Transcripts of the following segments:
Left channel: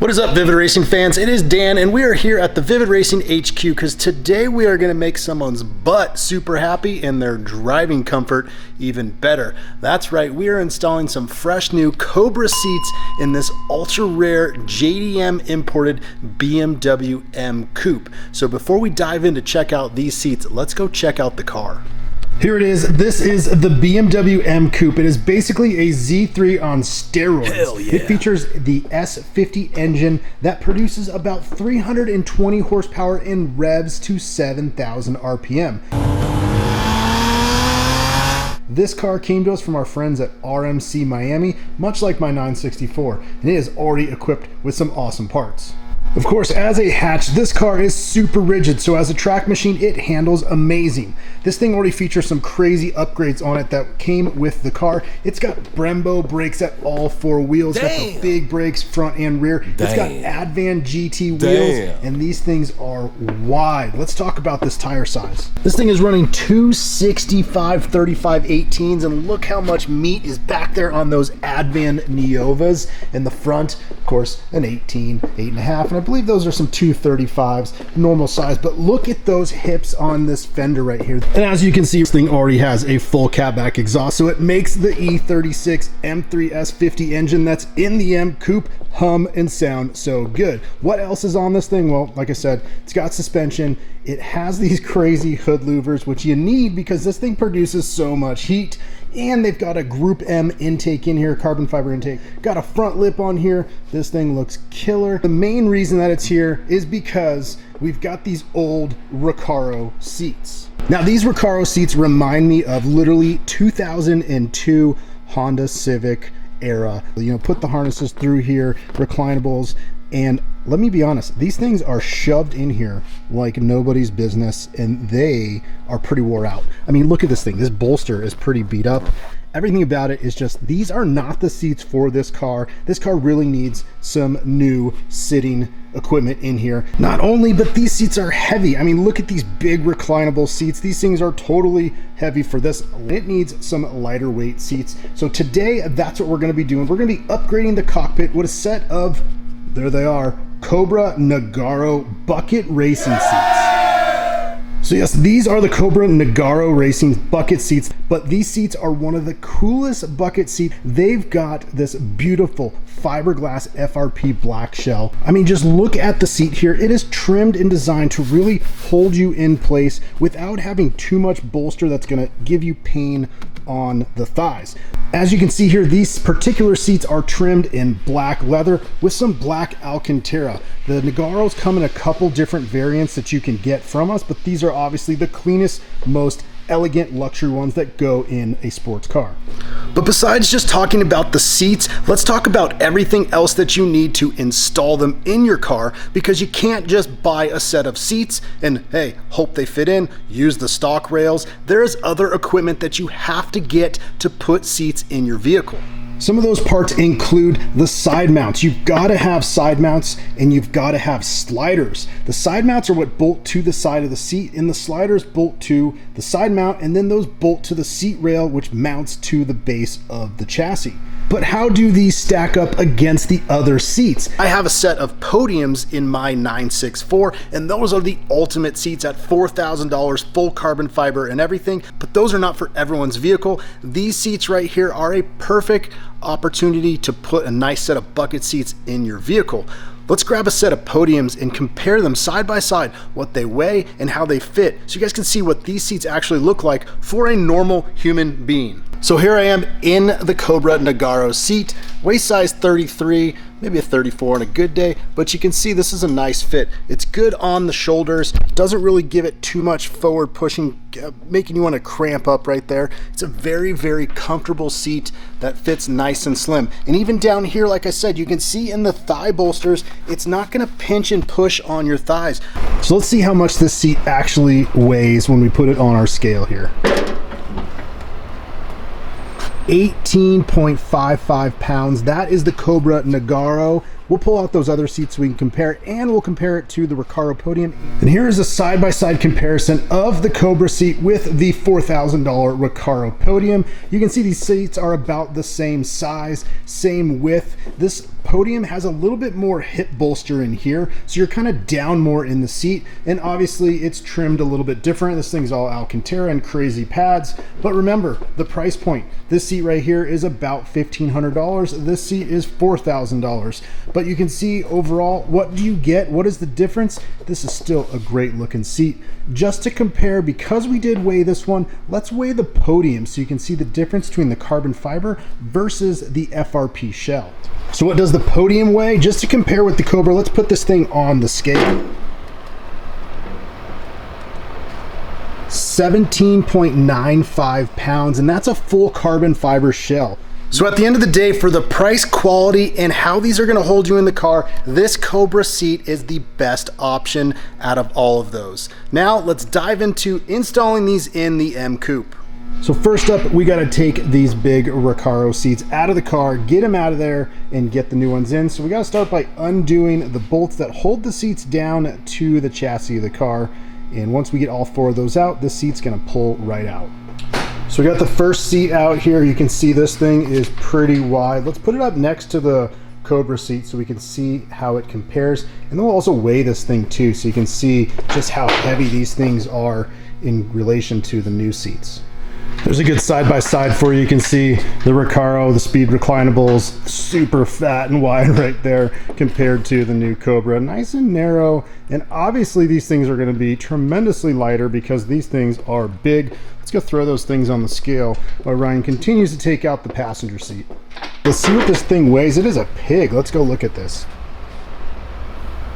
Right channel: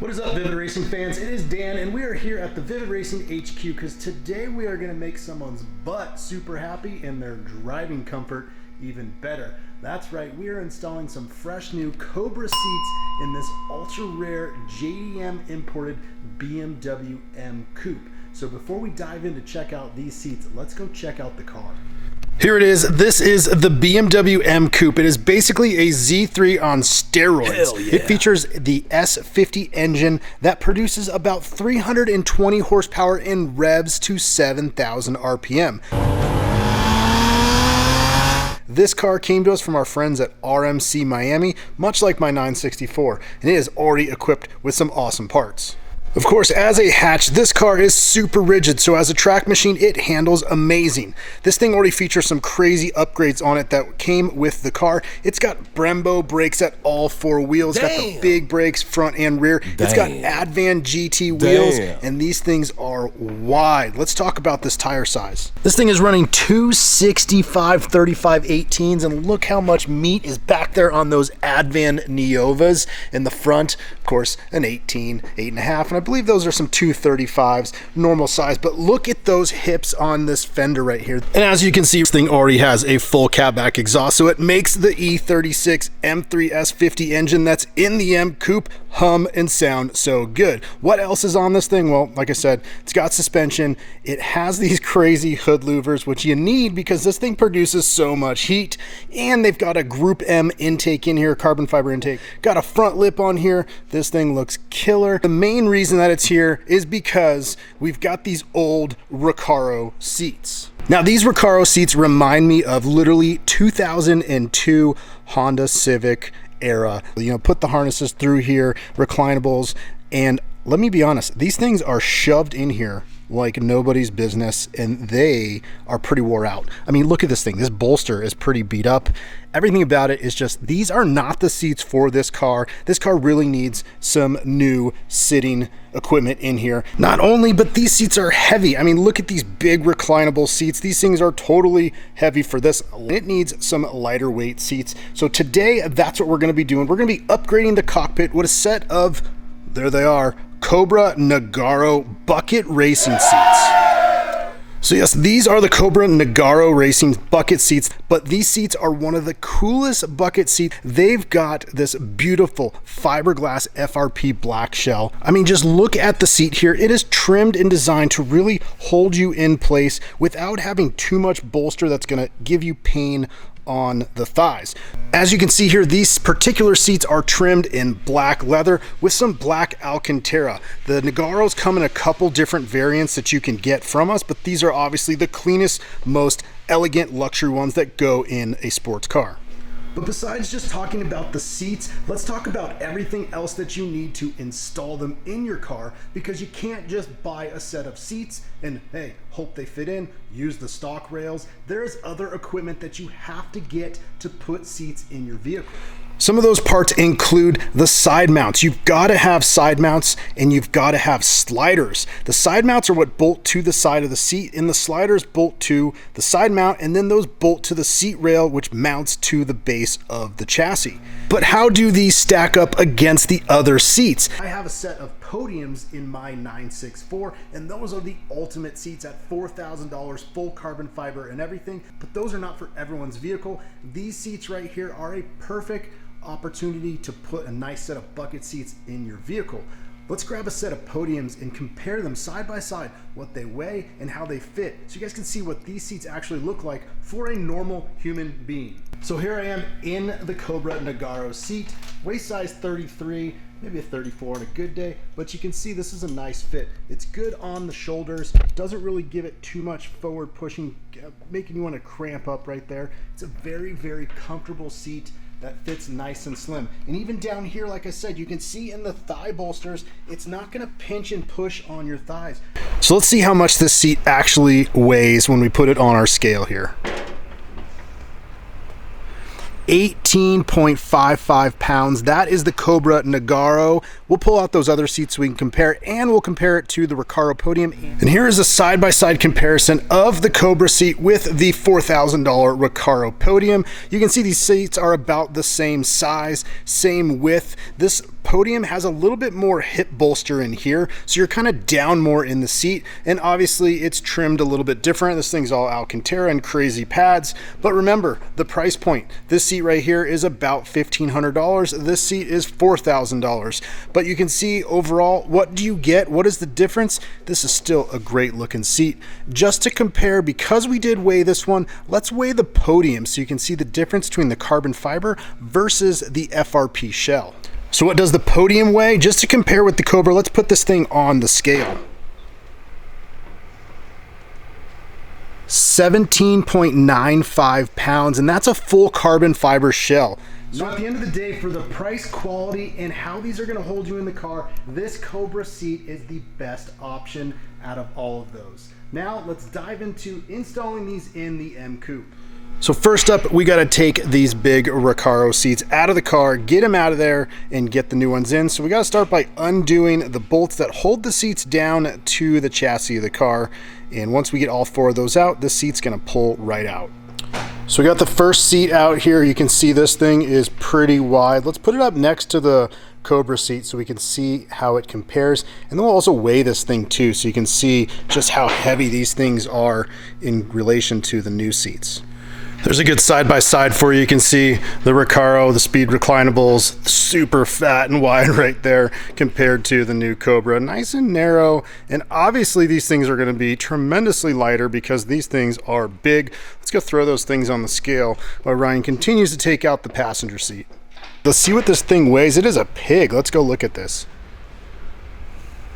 What is up, Vivid Racing fans? It is Dan, and we are here at the Vivid Racing HQ because today we are going to make someone's butt super happy and their driving comfort even better. That's right, we are installing some fresh new Cobra seats in this ultra rare JDM imported BMW M Coupe. So before we dive in to check out these seats, let's go check out the car. Here it is. This is the BMW M Coupe. It is basically a Z3 on steroids. Hell yeah. It features the S50 engine that produces about 320 horsepower in revs to 7,000 RPM. This car came to us from our friends at RMC Miami, much like my 964, and it is already equipped with some awesome parts. Of course, as a hatch, this car is super rigid, so as a track machine, it handles amazing. This thing already features some crazy upgrades on it that came with the car. It's got Brembo brakes at all four wheels. It's got the big brakes front and rear. It's got Advan GT wheels, and these things are wide. Let's talk about this tire size. This thing is running 265 35 18s, and look how much meat is back there on those Advan Neovas. In the front, of course, an 18, 8.5, and I believe those are some 235s, normal size, but look at those hips on this fender right here. And as you can see, this thing already has a full catback exhaust, so it makes the E36 M3 S50 engine that's in the M Coupe hum and sound so good. What else is on this thing? Well, like I said, it's got suspension. It has these crazy hood louvers, which you need because this thing produces so much heat, and they've got a Group M intake in here, carbon fiber intake. Got a front lip on here. This thing looks killer. The main reason that it's here is because we've got these old Recaro seats. Now, these Recaro seats remind me of literally 2002 Honda Civic era. You know, put the harnesses through here, reclinables, and let me be honest, these things are shoved in here like nobody's business, and they are pretty wore out. I mean, look at this thing. This bolster is pretty beat up. Everything about it is just, these are not the seats for this car. This car really needs some new sitting equipment in here. Not only, but these seats are heavy. I mean, look at these big reclinable seats. These things are totally heavy for this. It needs some lighter weight seats. So today, that's what we're gonna be doing. We're gonna be upgrading the cockpit with a set of, there they are, Cobra Nogaro bucket racing seats. So yes, these are the Cobra Nogaro racing bucket seats, but these seats are one of the coolest bucket seats. They've got this beautiful fiberglass FRP black shell. I mean, just look at the seat here. It is trimmed and designed to really hold you in place without having too much bolster that's gonna give you pain on the thighs. As you can see here, these particular seats are trimmed in black leather with some black alcantara. The Nogaros come in a couple different variants that you can get from us, but these are obviously the cleanest, most elegant luxury ones that go in a sports car. But besides just talking about the seats, let's talk about everything else that you need to install them in your car, because you can't just buy a set of seats and, hey, hope they fit in, use the stock rails. There's other equipment that you have to get to put seats in your vehicle. Some of those parts include the side mounts. You've got to have side mounts, and you've got to have sliders. The side mounts are what bolt to the side of the seat, and the sliders bolt to the side mount, and then those bolt to the seat rail, which mounts to the base of the chassis. But how do these stack up against the other seats? I have a set of Podiums in my 964, and those are the ultimate seats at $4,000, full carbon fiber and everything, but those are not for everyone's vehicle. These seats right here are a perfect opportunity to put a nice set of bucket seats in your vehicle. Let's grab a set of Podiums and compare them side by side, what they weigh and how they fit, so you guys can see what these seats actually look like for a normal human being. So here I am in the Cobra Nogaro seat, waist size 33, maybe a 34 on a good day, but you can see this is a nice fit. It's good on the shoulders, doesn't really give it too much forward pushing, making you want to cramp up right there. It's a very, very comfortable seat that fits nice and slim. And even down here, like I said, you can see in the thigh bolsters, it's not gonna pinch and push on your thighs. So let's see how much this seat actually weighs when we put it on our scale here. 18.55 pounds. That is the Cobra Nogaro. We'll pull out those other seats so we can compare, and we'll compare it to the Recaro Podium. And here is a side-by-side comparison of the Cobra seat with the $4,000 Recaro Podium. You can see these seats are about the same size, same width. This Podium has a little bit more hip bolster in here, so you're kind of down more in the seat, and obviously it's trimmed a little bit different. This thing's all alcantara and crazy pads, but remember the price point. This seat right here is about $1,500. This seat is $4,000, but you can see overall, what do you get? What is the difference? This is still a great looking seat. Just to compare, because we did weigh this one, let's weigh the Podium so you can see the difference between the carbon fiber versus the FRP shell. So what does the Podium weigh? Just to compare with the Cobra, let's put this thing on the scale. 17.95 pounds, and that's a full carbon fiber shell. So at the end of the day, for the price, quality, and how these are gonna hold you in the car, this Cobra seat is the best option out of all of those. Now let's dive into installing these in the M Coupe. So first up, we gotta take these big Recaro seats out of the car, get them out of there, and get the new ones in. So we gotta start by undoing the bolts that hold the seats down to the chassis of the car. And once we get all four of those out, this seat's gonna pull right out. So we got the first seat out here. You can see this thing is pretty wide. Let's put it up next to the Cobra seat so we can see how it compares. And then we'll also weigh this thing too, so you can see just how heavy these things are in relation to the new seats. There's a good side-by-side for you. You can see the Recaro, the Speed reclinables, super fat and wide right there compared to the new Cobra. Nice and narrow, and obviously these things are gonna be tremendously lighter because these things are big. Let's go throw those things on the scale while Ryan continues to take out the passenger seat. Let's see what this thing weighs. It is a pig. Let's go look at this.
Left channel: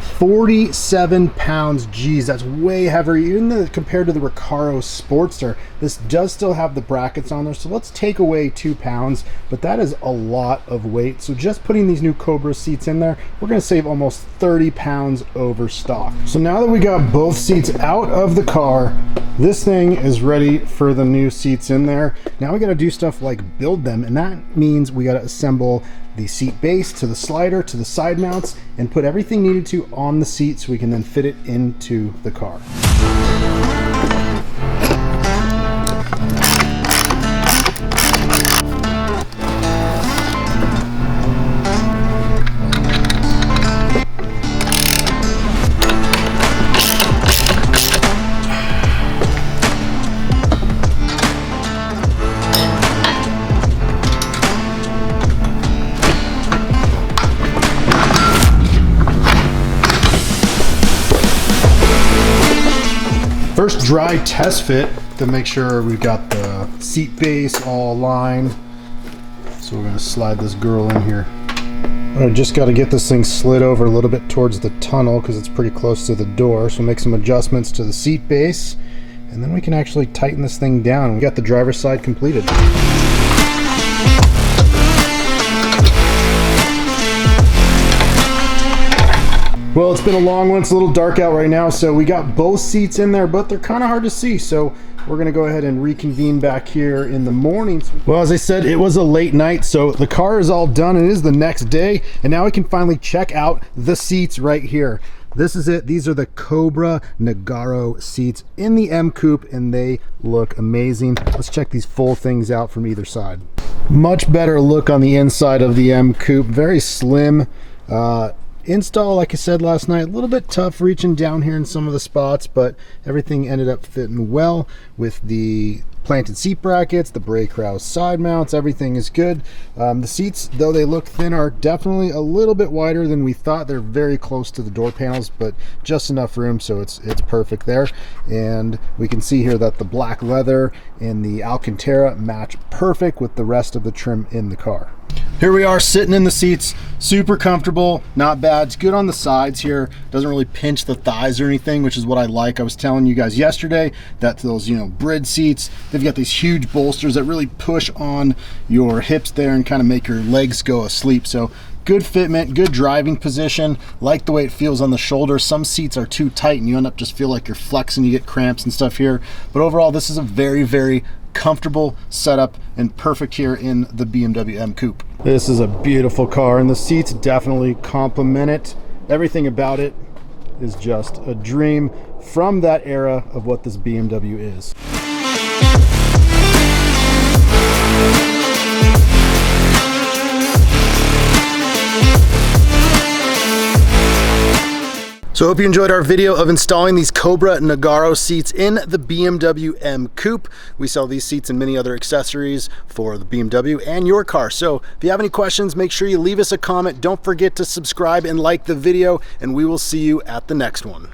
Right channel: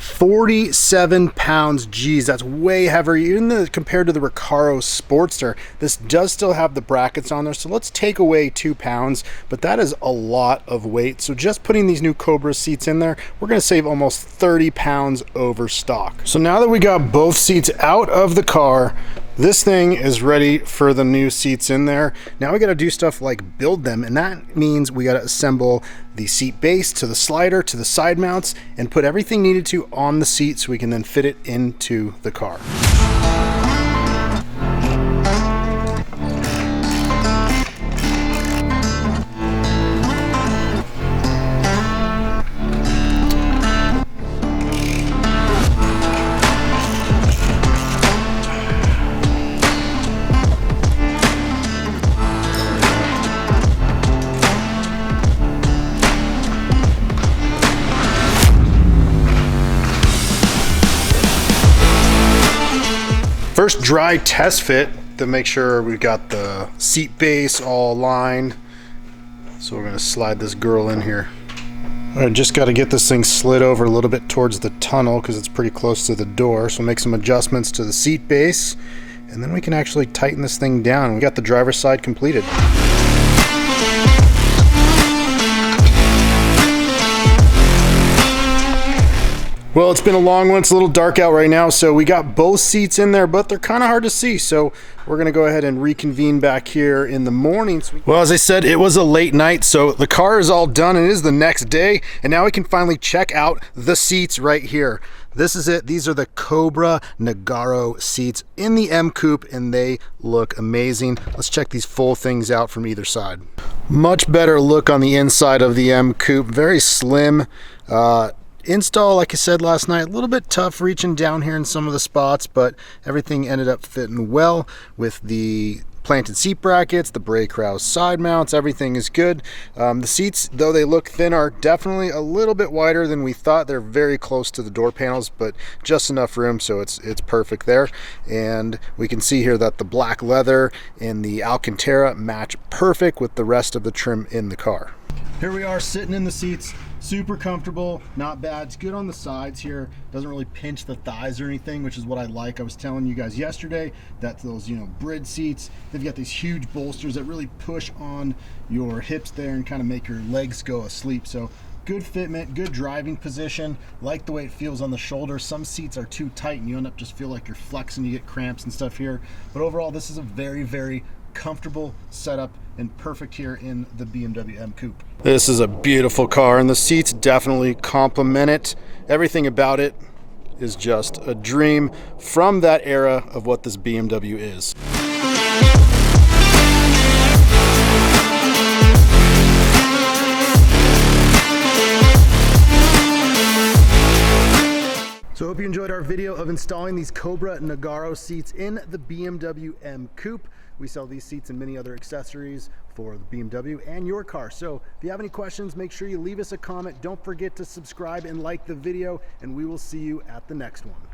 47 pounds. Geez, that's way heavier even compared to the Recaro Sportster. This does still have the brackets on there, so let's take away 2 pounds, but that is a lot of weight. So just putting these new Cobra seats in there, we're gonna save almost 30 pounds over stock. So now that we got both seats out of the car, this thing is ready for the new seats in there. Now we gotta do stuff like build them, and that means we gotta assemble the seat base to the slider to the side mounts and put everything needed to on the seat so we can then fit it into the car. First dry test fit to make sure we've got the seat base all aligned. So we're gonna slide this girl in here. I just got to get this thing slid over a little bit towards the tunnel because it's pretty close to the door. So make some adjustments to the seat base, and then we can actually tighten this thing down. We got the driver's side completed. Well, it's been a long one. It's a little dark out right now, so we got both seats in there, but they're kind of hard to see, so we're gonna go ahead and reconvene back here in the morning. Well, as I said, it was a late night, so the car is all done, and it is the next day, and now we can finally check out the seats right here. This is it. These are the Cobra Nogaro seats in the M Coupe, and they look amazing. Let's check these full things out from either side. Much better look on the inside of the M Coupe. Very slim. Install, like I said last night, a little bit tough reaching down here in some of the spots, but everything ended up fitting well with the planted seat brackets, the brake rouse side mounts, everything is good. The seats, though they look thin, are definitely a little bit wider than we thought. They're very close to the door panels, but just enough room, so it's perfect there. And we can see here that the black leather and the alcantara match perfect with the rest of the trim in the car. Here we are sitting in the seats, super comfortable, not bad. It's good on the sides here, doesn't really pinch the thighs or anything, which is what I like. I was telling you guys yesterday that those, bridge seats, they've got these huge bolsters that really push on your hips there and kind of make your legs go asleep. So good fitment, good driving position, like the way it feels on the shoulder. Some seats are too tight and you end up just feel like you're flexing, you get cramps and stuff here. But overall, this is a very, very comfortable setup and perfect here in the BMW M Coupe. This is a beautiful car, and the seats definitely complement it. Everything about it is just a dream from that era of what this BMW is. So I hope you enjoyed our video of installing these Cobra Nogaro seats in the BMW M Coupe. We sell these seats and many other accessories for the BMW and your car. So if you have any questions, make sure you leave us a comment. Don't forget to subscribe and like the video, and we will see you at the next one.